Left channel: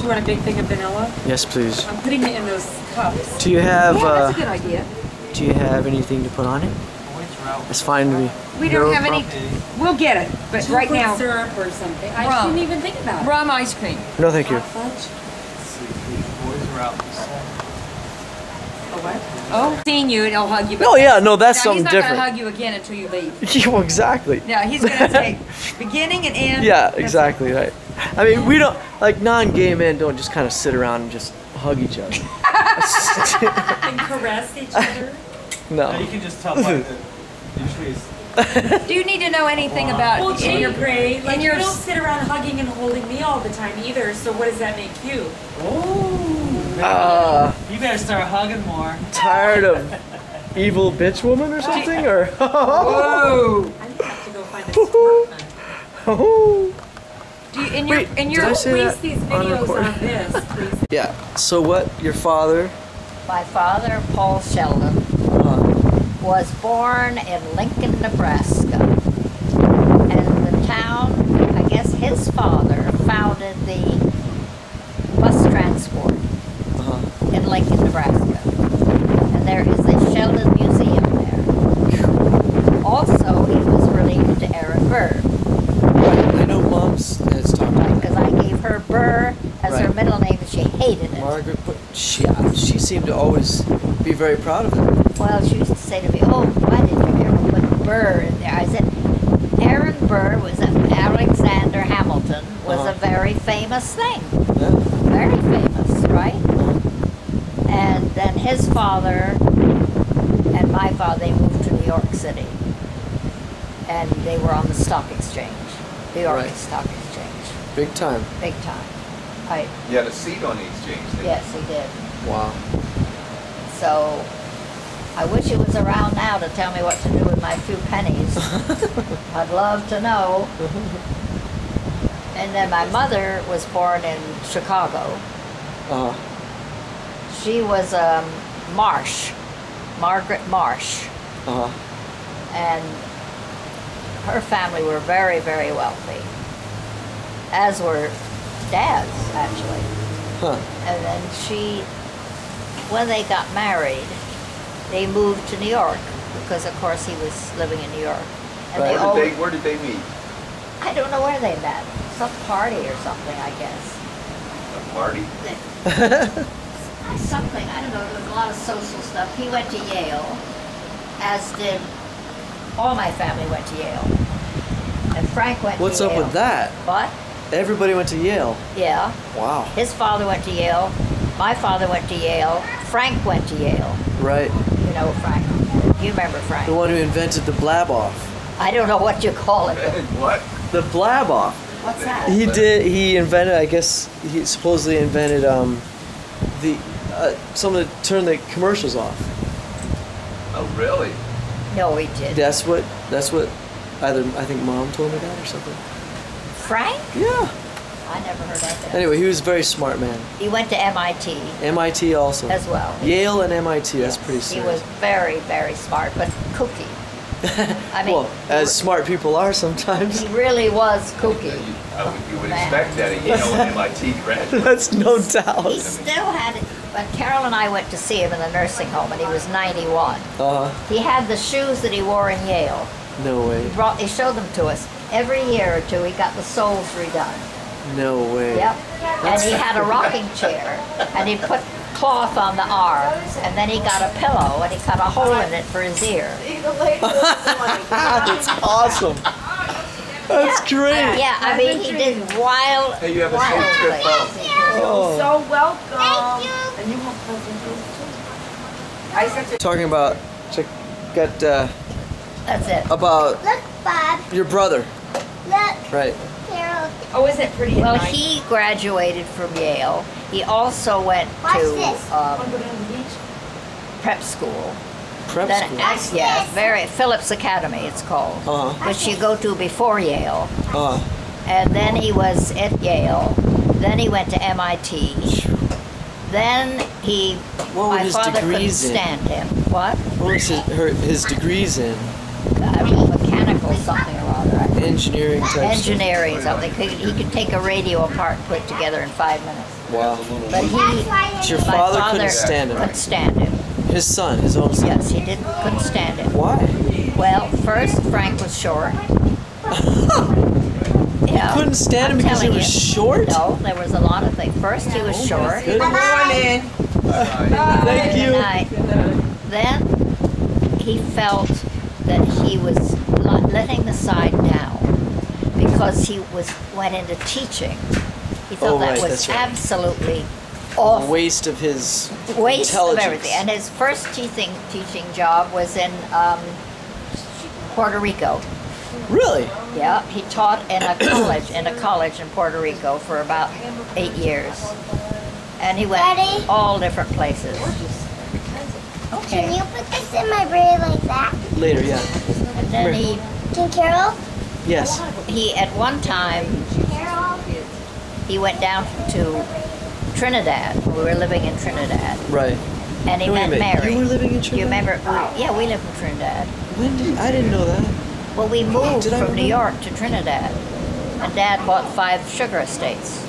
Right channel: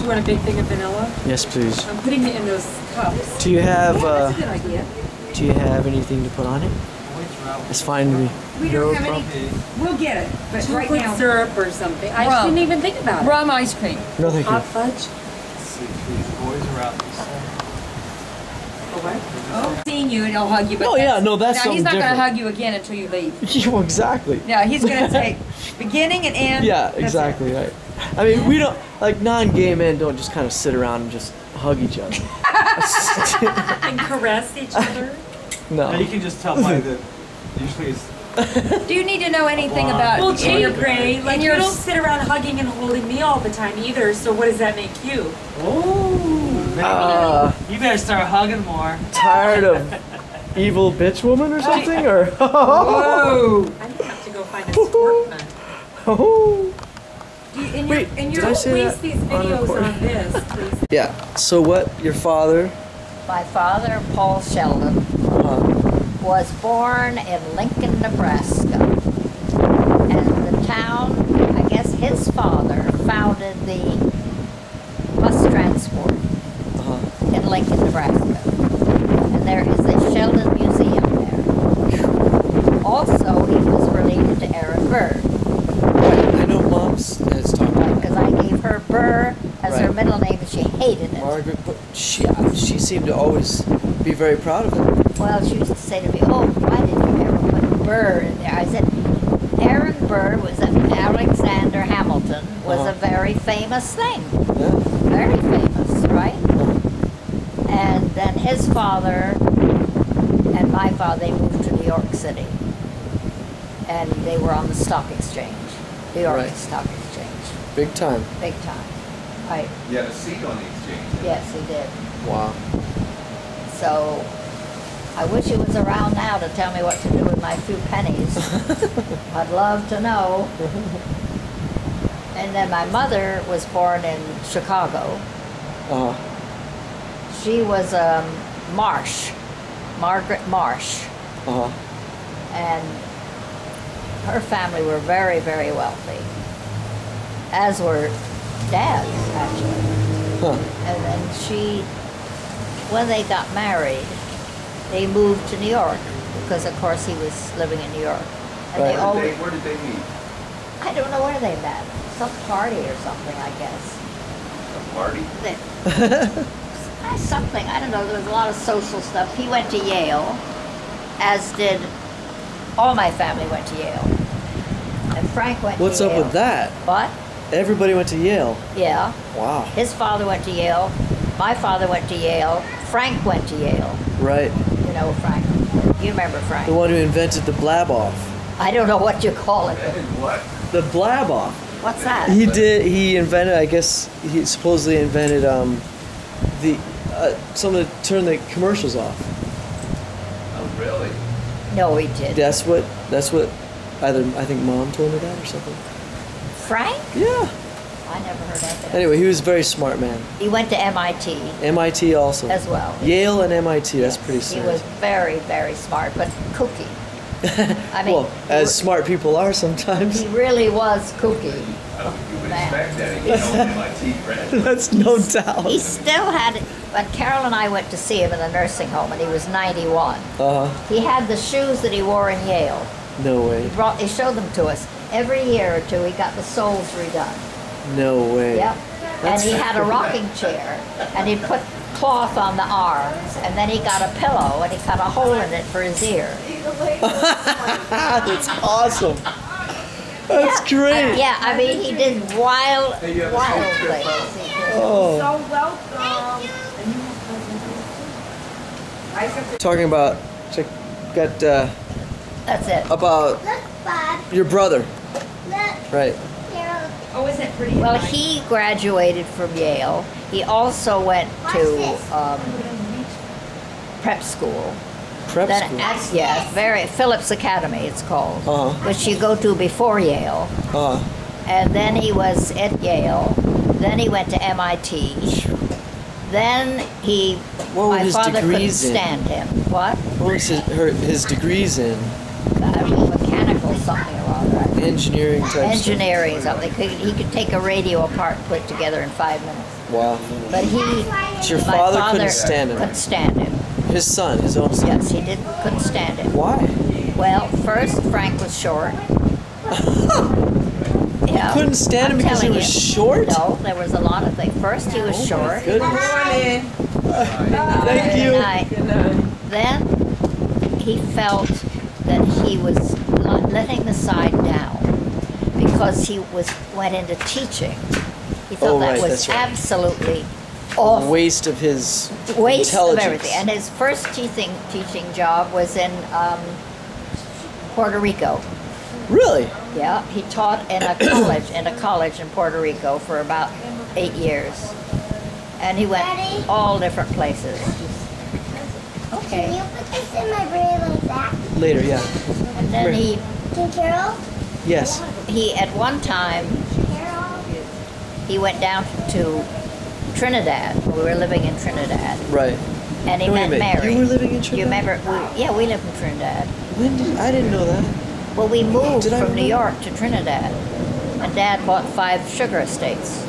Do you want a big thing of vanilla? Yes, please. I'm putting it in those cups. Do you have? That's a good idea. Do you have anything to put on it? It's fine to me. We don't have any. We'll get it, but right now syrup or something. I didn't even think about it. Rum ice cream. No, thank you. Hot fudge. Let's see, the boys are out. Oh, what? Oh, seeing you and he'll hug you. Oh yeah, no, that's something he's not different. gonna hug you again until you leave. Yeah, exactly. No, he's gonna take beginning and end. Yeah, exactly right. I mean, we don't like non-gay men don't just kind of sit around and just hug each other. And caress each other. No. You can just tell by the usually it's Do you need to know anything about Well, in your Gray, like in you your don't sit around hugging and holding me all the time either. So what does that make you? you better start hugging more. Tired of evil bitch woman or something, or? Whoa! I have to go find a sportman. Oh. Do you, in Wait, your in did your I say Please that these on videos recording? on this, please. Yeah. So what? Your father? My father, Paul Sheldon, was born in Lincoln, Nebraska. And the town, I guess his father founded the bus transport in Lincoln, Nebraska. And there is a Sheldon Museum there. Also, he was related to Aaron Burr. Right. I know Mom's has talked Right, about because I gave her Burr as her Right. middle name and she hated it. Margaret, but she seemed to always be very proud of it. Well, she used to say to me, "Oh, why did you ever put Burr in there?" I said, Aaron Burr was Alexander Hamilton was a very famous thing. Yeah. Very famous, right? And then his father and my father, they moved to New York City. And they were on the stock exchange, New York Right. Stock Exchange. Big time. Big time. Right. You had a seat on the exchange, didn't you? Yes, he did. Wow. So I wish he was around now to tell me what to do with my few pennies. I'd love to know. And then my mother was born in Chicago. She was Marsh, Margaret Marsh. And her family were very, very wealthy, as were Dad's, actually. And then when they got married, they moved to New York because, of course, he was living in New York. And Right. they always, Where did they meet? I don't know where they met. Some party or something, I guess. A party? Something, I don't know, there was a lot of social stuff. He went to Yale, as did all my family went to Yale. And Frank went What's to Yale. up with that? What? Everybody went to Yale. Yeah. Wow. His father went to Yale. My father went to Yale. Frank went to Yale. Right. You know Frank. You remember Frank. The one who invented the blab off. I don't know what you call it. But What? The blab off. what's that? He invented, I guess, he supposedly invented something to turn the commercials off. Oh, really? No, he did. That's what either I think Mom told me that or something. Frank? Yeah. I never heard of that. Anyway, he was a very smart man. He went to MIT MIT also. as well. Yale and MIT, that's pretty He serious. was very, very smart, but kooky. I mean, well, as smart people are sometimes. he really was kooky. You would Man. expect that, you know, an MIT graduate. That's no doubt. He still had it. When Carol and I went to see him in the nursing home, and he was 91. He had the shoes that he wore in Yale. No way. He showed them to us. Every year or two, he got the soles redone. No way. Yep. And he had a rocking chair, and he'd put cloth on the arms, and then he got a pillow, and he cut a hole in it for his ear. That's awesome. That's great. Yeah, I mean, he did wild, Hey, you have a wild safe trip, things. Oh. So welcome. And you have presents too. Talking about, That's it. about Look, Bob. your brother. Look, Right. Carol. Oh, isn't it pretty? Well, he graduated from Yale. He also went Watch to this. prep school. Prep Then, school. yes, Phillips Academy, it's called, Uh-huh. which you go to before Yale. And then he was at Yale. Then he went to MIT. Then What were my his father couldn't degrees in? stand him. What? What was his degrees in? Mechanical something or other, I think. engineering type engineering something. He could take a radio apart and put it together in 5 minutes. stuff. Wow. But So your my father couldn't stand him. Couldn't stand him. His son, his own son. Yes, he couldn't stand it. Why? Well, first Frank was short. You know, Couldn't stand him I'm because he telling was you. short? No, there was a lot of things. First he was Oh my short. goodness. Morning. Thank you. Then he felt that he was letting the side down because he went into teaching. He thought Oh, that right, was that's right. absolutely awful. Waste of his Waste of intelligence. everything. And his first teaching job was in Puerto Rico. Really? Yeah, he taught in a college in Puerto Rico for about 8 years, and he went Daddy? all different places. Can Okay, you put this in my braid like that? Later, yeah. and then Can Carol? Yes. he at one time Carol? he went down to Trinidad. We were living in Trinidad, Right. and he Wait a met minute, Mary. you were living in You Trinidad? remember? Yeah, we lived in Trinidad. I didn't know that. Well, we moved Did I from New remember? York to Trinidad, and Dad bought 5 sugar estates.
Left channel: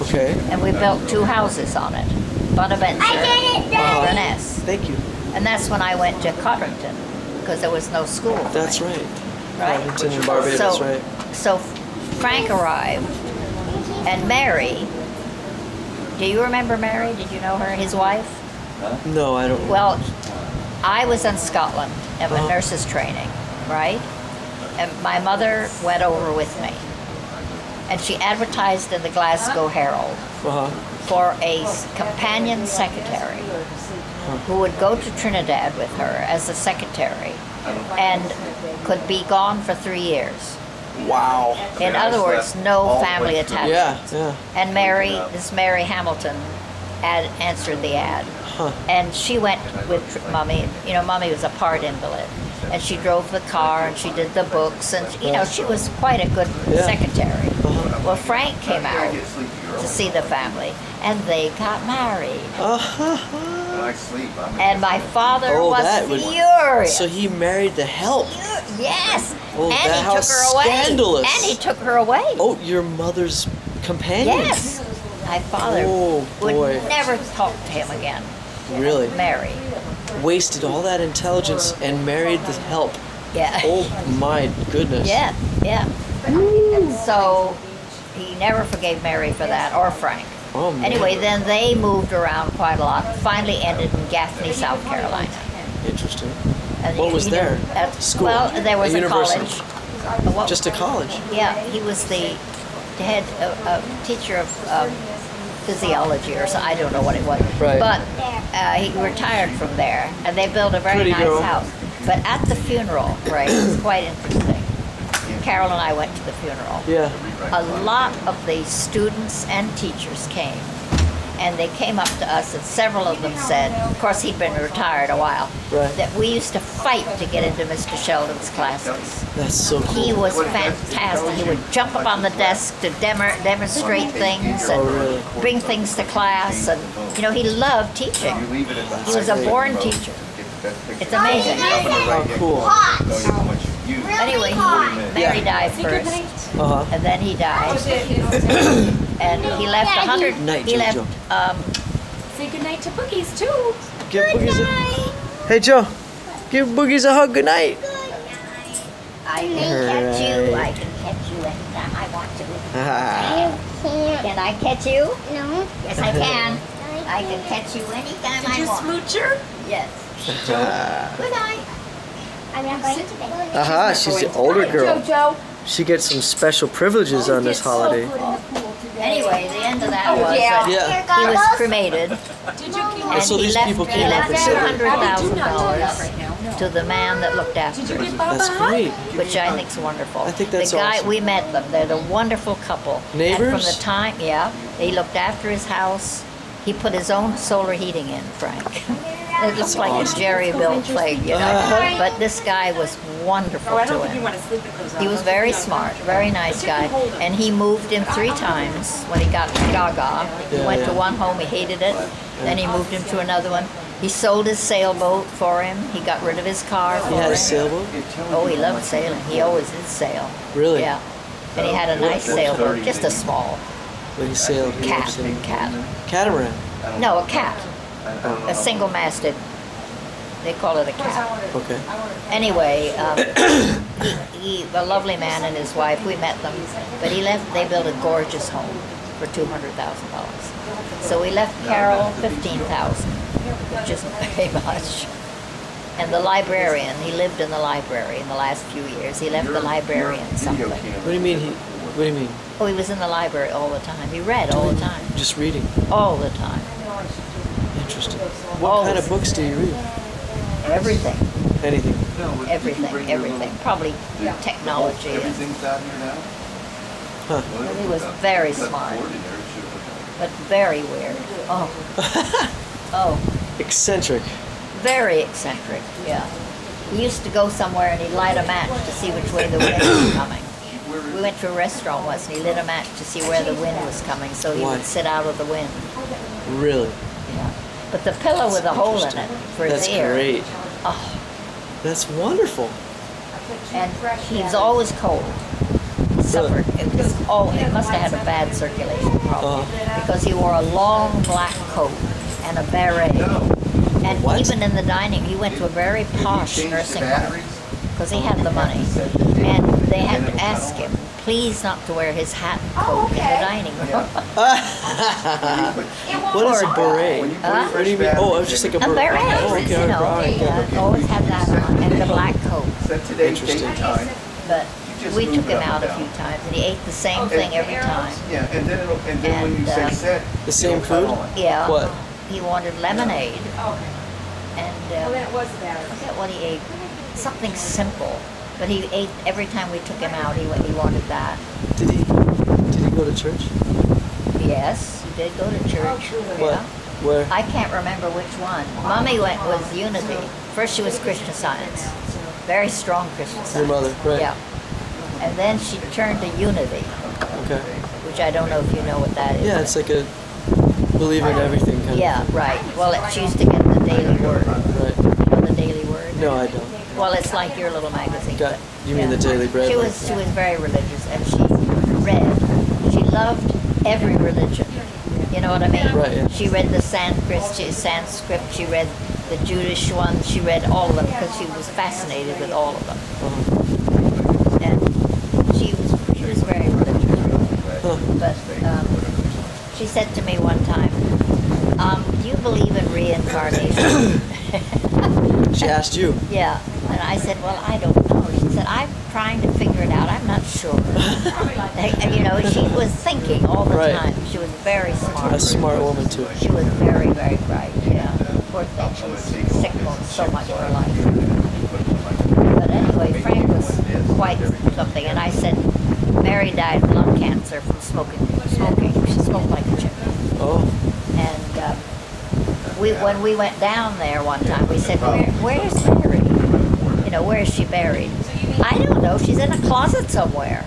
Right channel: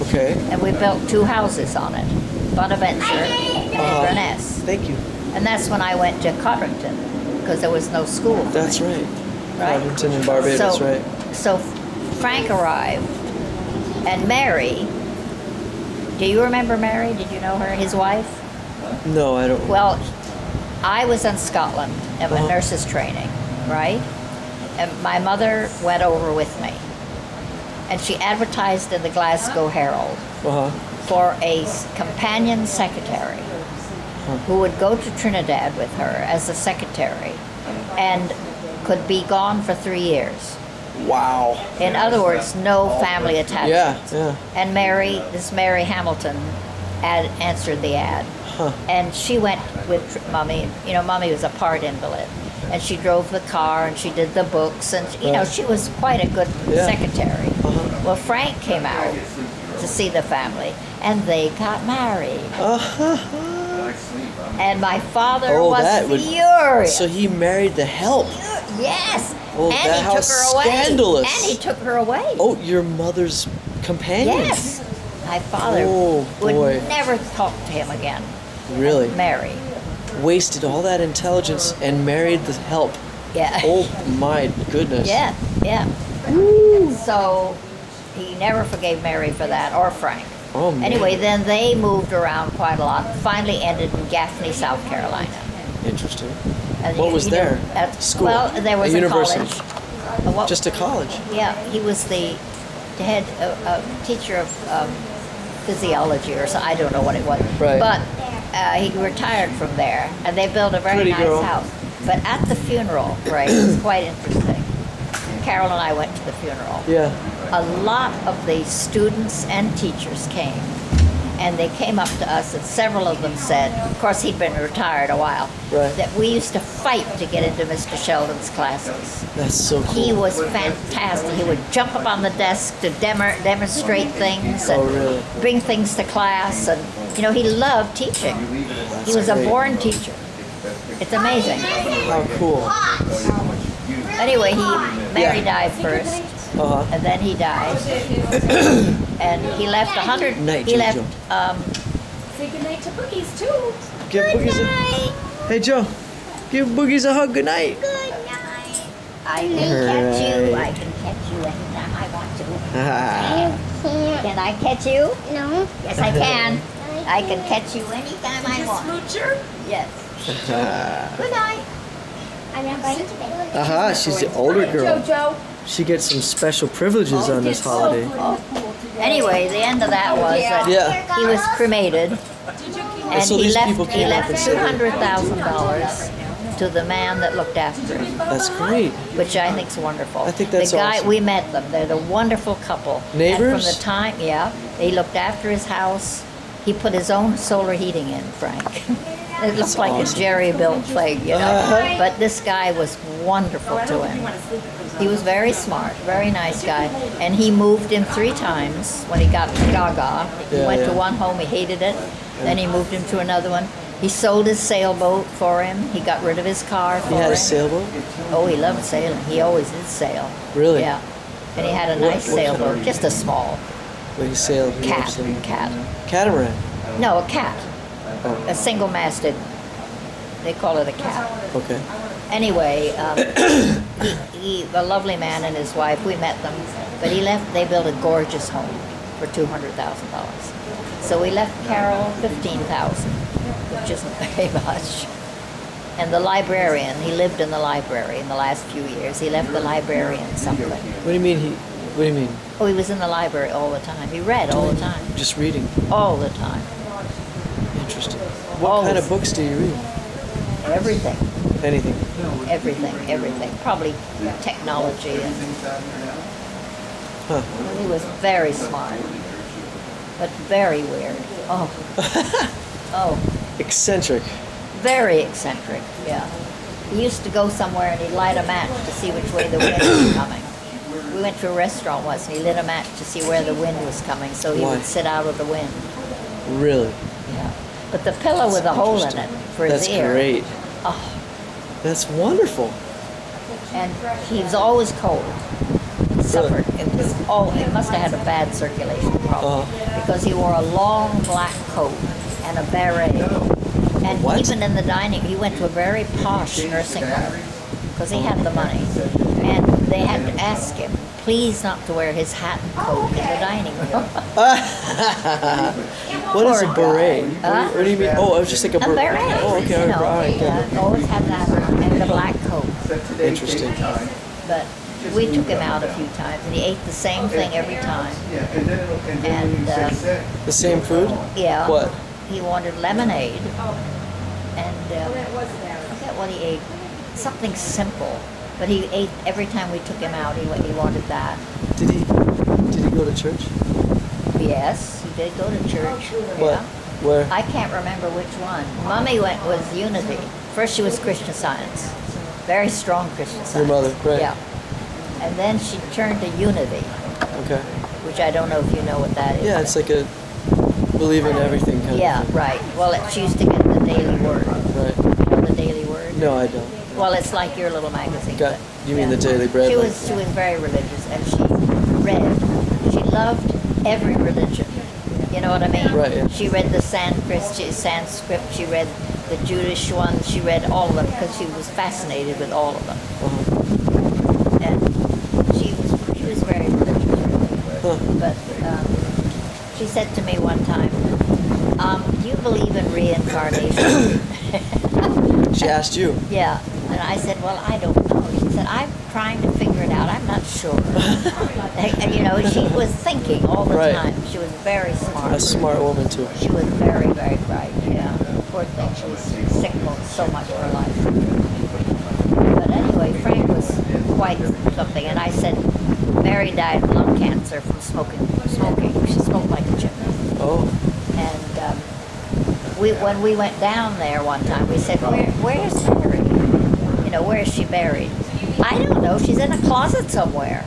Okay. And we built 2 houses on it, Bonaventure and Inverness. Thank you. And that's when I went to Codrington, because there was no school for That's me, right. right? Codrington and Barbados, so, right? So Frank arrived, and Mary, do you remember Mary? Did you know her, his wife? No, I don't. Well, I was in Scotland in my Uh-huh. nurse's training, right? And my mother went over with me. And she advertised in the Glasgow Herald Uh-huh. for a companion secretary who would go to Trinidad with her as a secretary and could be gone for 3 years. Wow. In other words, no family Yeah, attachments. yeah. And this Mary Hamilton answered the ad. Huh. And she went with Mommy. You know, Mommy was a part invalid. And she drove the car and she did the books. And, you know, she was quite a good Yeah. secretary. Uh-huh. Well, Frank came out to see the family and they got married. Uh-huh. I sleep. And my father Oh, was that would- furious. So he married the help. Yes. Oh, and that- he how took her away. scandalous. And he took her away. Oh, your mother's companion? Yes. My father Oh, boy. would never talk to him again. Really? Mary. Wasted all that intelligence and married the help. Yeah. Oh my goodness. Yeah, yeah. So he never forgave Mary for that, or Frank. Oh, man. Anyway, then they moved around quite a lot. Finally ended in Gaffney, South Carolina. Interesting. And What was there? School? Well, there was A a university? college. Just a college. Yeah, he was the head teacher of physiology or so. I don't know what it was. Right. But he retired from there, and they built a very Pretty nice girl. house. But at the funeral, right, it was quite interesting. Carol and I went to the funeral. Yeah. A lot of the students and teachers came, and they came up to us, and several of them said, of course he'd been retired a while, Right. that we used to fight to get into Mr. Sheldon's classes. That's so cool. He was fantastic. He would jump up on the desk to demonstrate things and Oh, really? bring things to class, and you know he loved teaching. He was a great. born teacher. It's amazing. How cool. Anyway, Mary died first, Uh-huh. and then he died, and he left 100. Night, He left. Jojo. Say goodnight to Boogies too. Give Boogies a... Hey, Joe. Give Boogies a hug. Good night. I can catch you. I can catch you anytime I want to. Ah. Can I catch you? No. Yes, I can. I can catch you anytime I You want. smoocher? Yes. Good night. I'm not going to bed. Aha, she's the older girl. Jojo. She gets some special privileges on this holiday. Anyway, the end of that was that Yeah. he was cremated, Did you keep and So he these left people came up and said- $200,000 to the man that looked after him, That's great. which I think is wonderful. I think that's the guy awesome. we met them. They're a wonderful couple. And Neighbors? from the time, yeah, he looked after his house. He put his own solar heating in, Frank. It looked like awesome. a jerry-built thing, you know. But this guy was wonderful Oh, I to don't think you him. want to sleep with those He was very smart, very nice guy, and he moved him 3 times when he got gaga. He Yeah, went to yeah. one home, he hated it, then he moved him to another one, He sold his sailboat for him. He got rid of his car for He had him. a sailboat? Oh, he loved sailing. He always did sail. Really? Yeah. And he had a nice sailboat, just a small When he sailed, he loved cat. sailing. Cat. Catamaran. No, a cat. A single-masted. They call it a cat. Okay. Anyway, he a lovely man and his wife. We met them, but he left. They built a gorgeous home for $200,000. So we left Carol $15,000, which isn't very much. And the librarian, he lived in the library in the last few years. He left the librarian something. What do you mean what do you mean? Oh, he was in the library all the time. He read all the time. Just reading. All the time. Interesting. What kind of Always. books do you read? Everything. Anything. Everything. Probably technology. And, Huh. he was very smart, but very weird. Oh. Oh. Eccentric. Very eccentric, yeah. He used to go somewhere and he'd light a match to see which way the wind was coming. We went to a restaurant once and he lit a match to see where the wind was coming, so he Why? would sit out of the wind. Really? Yeah. But the pillow with a hole in it for his That's ear. great. Oh, That's wonderful. and he was always cold. He suffered. It must have had a bad circulation problem because he wore a long black coat and a beret. And What? even in the dining, he went to a very posh nursing home because he had the money. And they had to ask him, please not to wear his hat and coat in the dining room. What is a Poor beret? Huh? What do you mean? Oh, I was just like a A beret, Oh, okay. you know, Alright, always had that on, and the black coat. Interesting. But we took him out a few times, and he ate the same thing every time. Yeah, and then when you And, say set, The same food? Yeah. What? He wanted lemonade, and Well, that was about I it. forget what he ate. Something simple, but he ate every time we took him out. He wanted that. Did he go to church? Yes, he did go to church. What? Yeah. Where? I can't remember which one. Mommy was Unity. First she was Christian Science, very strong Christian Science. Your mother, right. Yeah. And then she turned to Unity, Okay. which I don't know if you know what that is. Yeah, it's like a believe in everything kind Yeah, of thing. right. Well, she used to get the Daily Word. Right. You know the Daily Word? No, I don't. Well, it's like your little magazine. Got- but, you mean the Daily Bread, She like- was very religious, and she read. She loved every religion. You know what I mean? Right, yeah. She read the Sanskrit. She read the Jewish ones. She read all of them because she was fascinated with all of them. And she was very religious, really. Huh. But she said to me one time, "Do you believe in reincarnation?" She asked you. Yeah. And I said, well, I don't know. She said, I'm trying to figure it out. I'm not sure. And, you know, she was thinking all the Right. time. She was very smart. A smart woman too. She was very, very bright. Yeah. Poor thing. She was sick so much of her life. But anyway, Frank was quite something. And I said, Mary died of lung cancer from smoking. She smoked like a chimney. Oh. And when we went down there one time, we said, where's Mary? You know, where is she buried? I don't know. She's in a closet somewhere.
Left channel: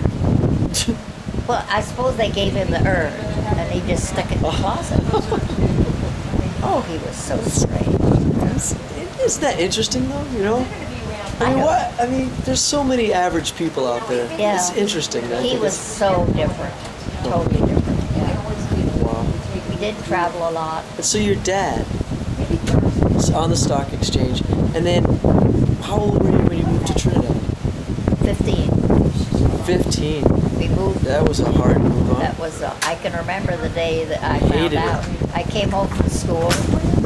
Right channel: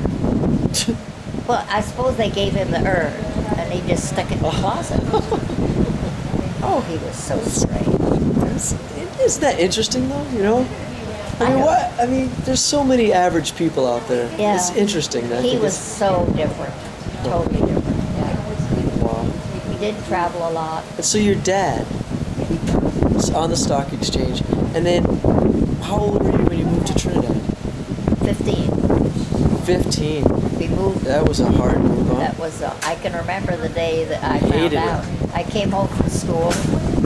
Well, I suppose they gave him the urn, and he just stuck it in the closet. Oh, he was so strange. Isn't that interesting though? You know? I mean, know. what? I mean, there's so many average people out there. Yeah. It's interesting. I He think was it's- so different. Totally different, yeah. Wow. We did travel a lot. And so your dad is on the stock exchange, and then how old were you when you moved to Trinidad? 15. 15. We moved. That was a hard move, huh? That was, I can remember the day that I You found hated it. out. I came home from school,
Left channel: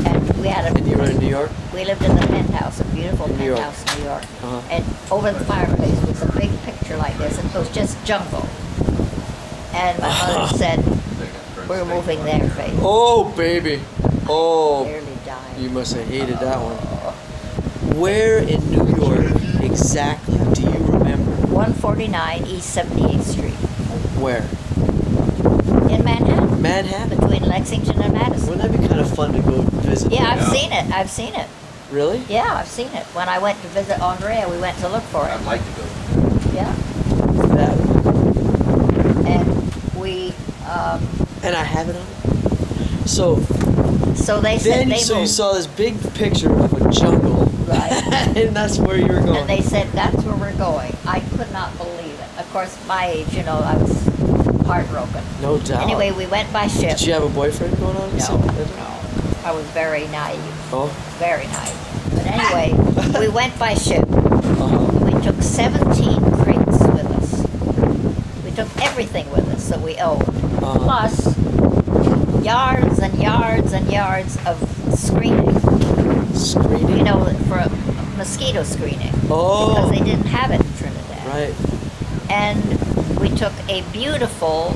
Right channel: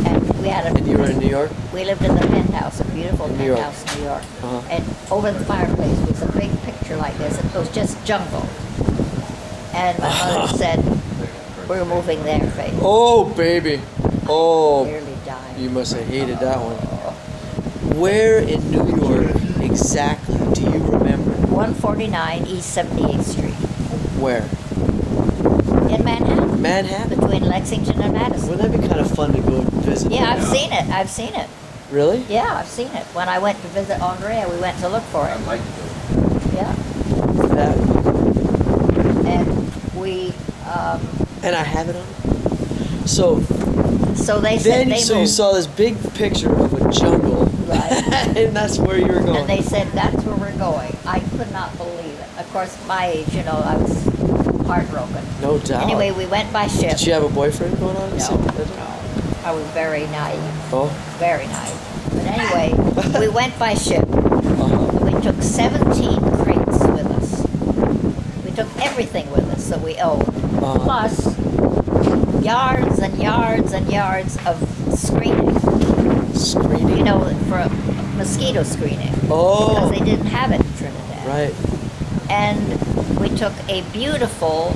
and we had a. And you were in New York? We lived in the penthouse, a beautiful In New York. penthouse in New York. Uh-huh. And over the fireplace was a big picture like this. It was just jungle. And my mother said, we're moving there, Faith. Oh, baby. Oh, Nearly died. you must have hated that one. Where in New York exactly do you remember? 149 East 78th Street Where? in Manhattan, Manhattan? between Lexington and Madison. Wouldn't that be kind of fun to go visit? Yeah, there? I've seen it. I've seen it. Really? Yeah, I've seen it. When I went to visit Andrea, we went to look for it. I'd like to go. Yeah. That would be cool. And we, And I have it on. So, So they said they So you moved. saw this big picture of a jungle, Right. and that's where you were going. And they said, that's where we're going. I could not believe it. Of course, my age, you know, I was heartbroken. No doubt. Anyway, we went by ship. Did you have a boyfriend going on? at the No, same time? no. I was very naive. Oh. Very naive. But anyway, we went by ship. Uh-huh. And we took 17 crates with us. We took everything with us that we owned. Uh-huh. Plus, yards and yards and yards of screening. Screening? You know, for mosquito screening. Oh. Because they didn't have it in Trinidad. Right. And we took a beautiful